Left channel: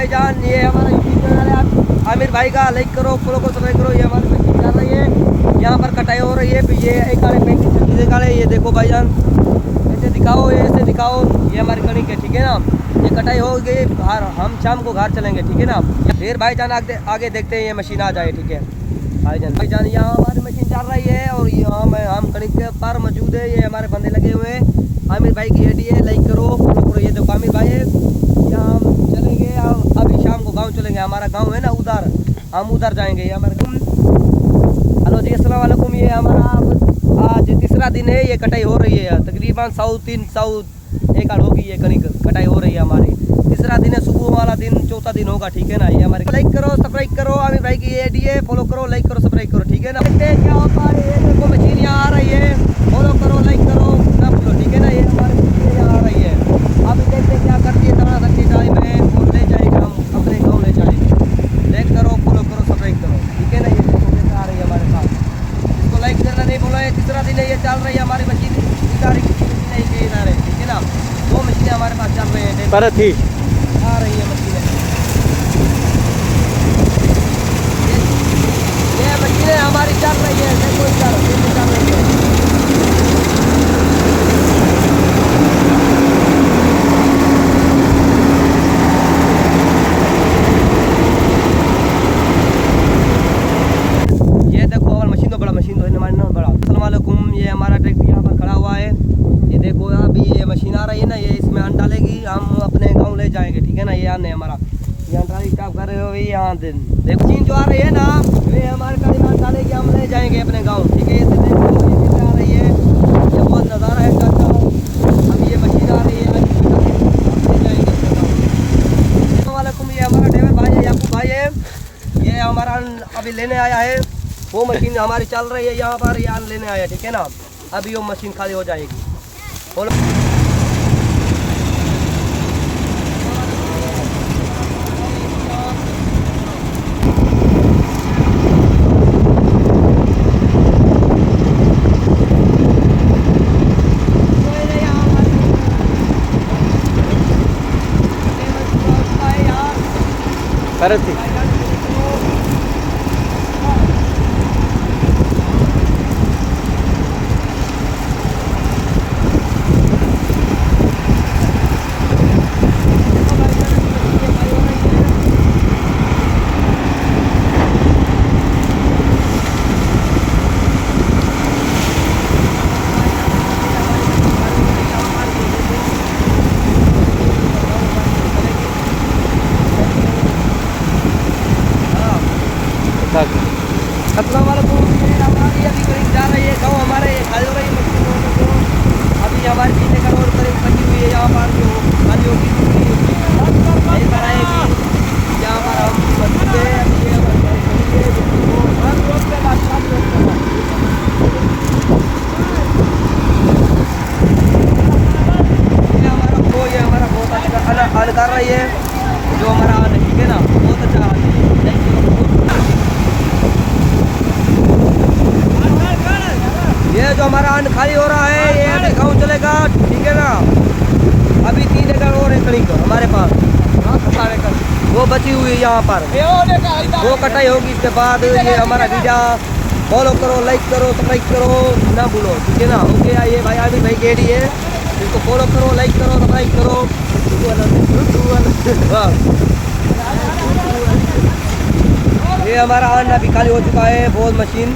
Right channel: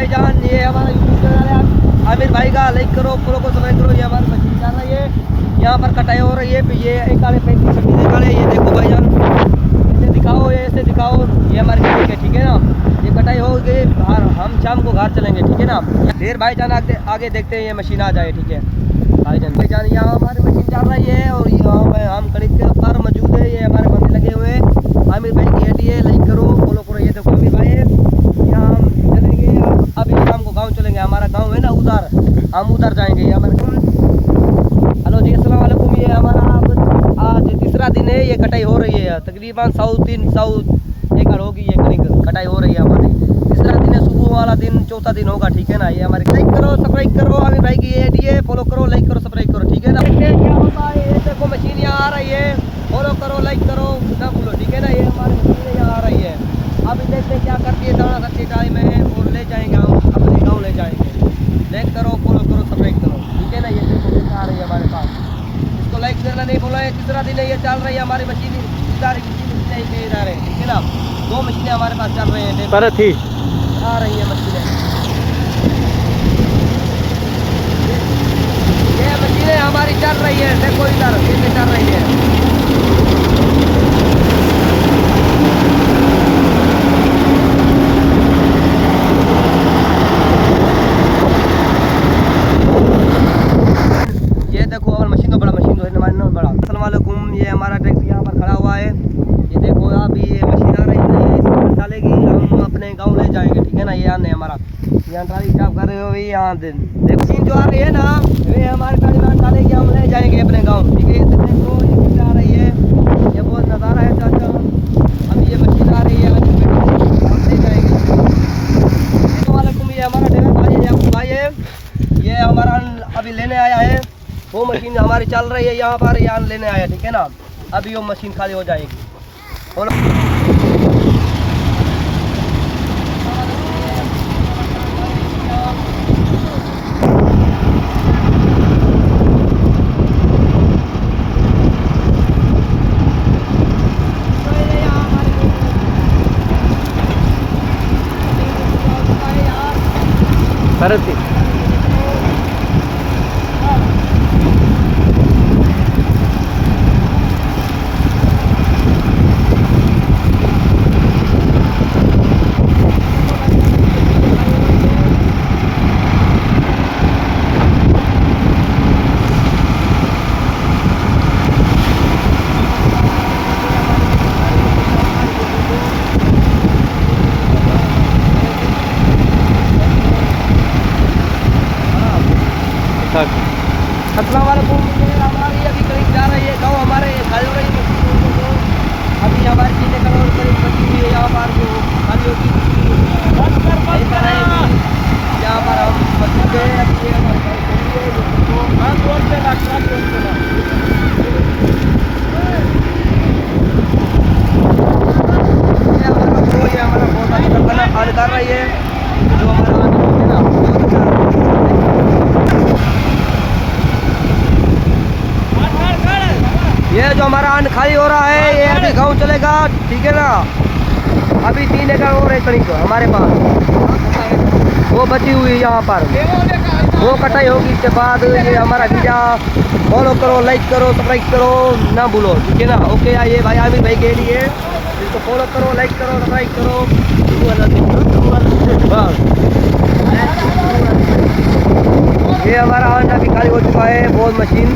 भाईजान ये हमारा यूट्यूब चैनल है, आमिर भाई का लाइक करो, फॉलो को सब्सक्राइब करो। ये हमारी मशीन चल रही है, यहाँ पर कटाई हो रही है। ये एक आड़े पैंतीस निकाले, ये देखो भाईजान, ऐसे दिखाओ, ये ऐसे दिखाओ। ये हमारी क्लिनिक है, ठीक है ना। ये कटाई हो गई, हम शाम को घर चलेंगे, ठीक है ना। फिर भाईजान आगे देखते हैं, ये मशीन आ जाए, ठीक है भाईजान। यहाँ हमारी मशीन चल रही है और यहाँ हम क्लिनिक के पार मौजूद है। ये हमारे बंदे लगे हुए हैं, आमिर भाई की आईडी है, लाइक करो, फॉलो करो। ये देखो आमिर भाई है, यहाँ हम चलेंगे, अभी शाम को गांव चलेंगे। हमारा गांव है ना उधर, हम उधर जाएंगे। ये हमारे हेलो जी, अस्सलाम वालेकुम। ये हमारा आज तीसरा दिन है, ये कटाई हो रही है। तकरीबन 100 एकड़ होगी ये करीब कटाई हो रही है हमारी। तीसरा दिन है, सुबह वाला दिन, चौथा दिन होगा, ठीक है ना। ये हमारे लाइक करो, सब्सक्राइब करो, आमिर भाई की आईडी है, फॉलो करो, लाइक करो, सब्सक्राइब करो, ठीक है ना। देखते हैं क्या होता है। ये देखो मशीन यहाँ आ रही है, फॉलो करो, लाइक करो ना भूलो, ठीक है ना। ये हमारी मशीन यहाँ आ रही है, अभी देखते हैं क्या करती है। दाना सच्ची टाइम है और ले जाएंगे हम अपने गाँव, ले जाएंगे। लाइक करो, फॉलो करो, सब्सक्राइब करो, ठीक है ना। ये देखो कैसे आ रही है हमारे पास, इसको लाइक करना नहीं बोला है। तीसरा दिन है, ये चल रही है हमारी मशीन, इधर की मशीन है, के इधर है, ठीक है ना। दो मशीनें हमारे पास चल रही हैं, पर थी आ रही है मशीनें। ये मशीनें हमारी चल रही है, देखो इधर चल रही है। ये देखो और मशीन तो बड़ा, मशीन तो है बड़ा। अस्सलाम वालेकुम। ये हमारा ट्रैक्टर यहाँ पर खड़ा हुआ है, ये देखो अभी ये मशीन आ रही है ना, ये इसमें अन्न डालेगी, हम अपने गांव ले जाएंगे, ठीक है ना। ये अन्न है हमारा, यहाँ ट्राली स्टाफ कर रहे हो यहाँ देखो। मशीन जो आ रही है ना, ये हमारे गाड़ी में अन्न डालेगी, हम ले जाएंगे अपने गाँव, ठीक है। ये देखो ये आ रही है, ये बहुत नज़ारा है चाचा। अभी ये मशीन आ रही है, ले जाएंगे। अस्सलाम वालेकुम। ये हमारा ड्राइवर भाई है, याकूब भाई है, ये हमारा अन्न अभी लेने आया है। वो मशीन हमारी चल रही है यहाँ पर, यहाँ लेने आया, ठीक है ना। अभी वो मशीन खाली हो जाएगी। बोलो पर थी अस्सलाम वालेकुम। हमारी अभी करीब जा रही है गाँव, हमारे खाली हो रही है मशीन को। अभी हमारी 3 एकड़ और करीब बची हुई है यहाँ पर, जो खाली होगी ऐसा रहेगी। यहाँ पर हम मौजूद है, अभी ये हमारी गाड़ी खड़ी है, ये हमारा बहुत अच्छा खाना अन्न कर रही है, जो हमारा अन्न, ठीक है ना, बहुत अच्छा। ये जो हमारा अन्न खाली हो रहा है, ये अभी गाँव चलेगा, ठीक है ना। अभी 3 एकड़ और है कणिक हमारे पास, वो बची हुई है यहाँ पर, वो कटाई होगी। इसके बाद ये हमारा वीडियो फॉलो करो, लाइक करो, सब्सक्राइब करो ना भूलो, ठीक है ना। ओके, ये भाई आमिर भाई गेडी है, इसको फॉलो करो, लाइक करो, सब्सक्राइब करो। ये हमारा अन्न अभी खाली हो चुका है, बहुत मशीन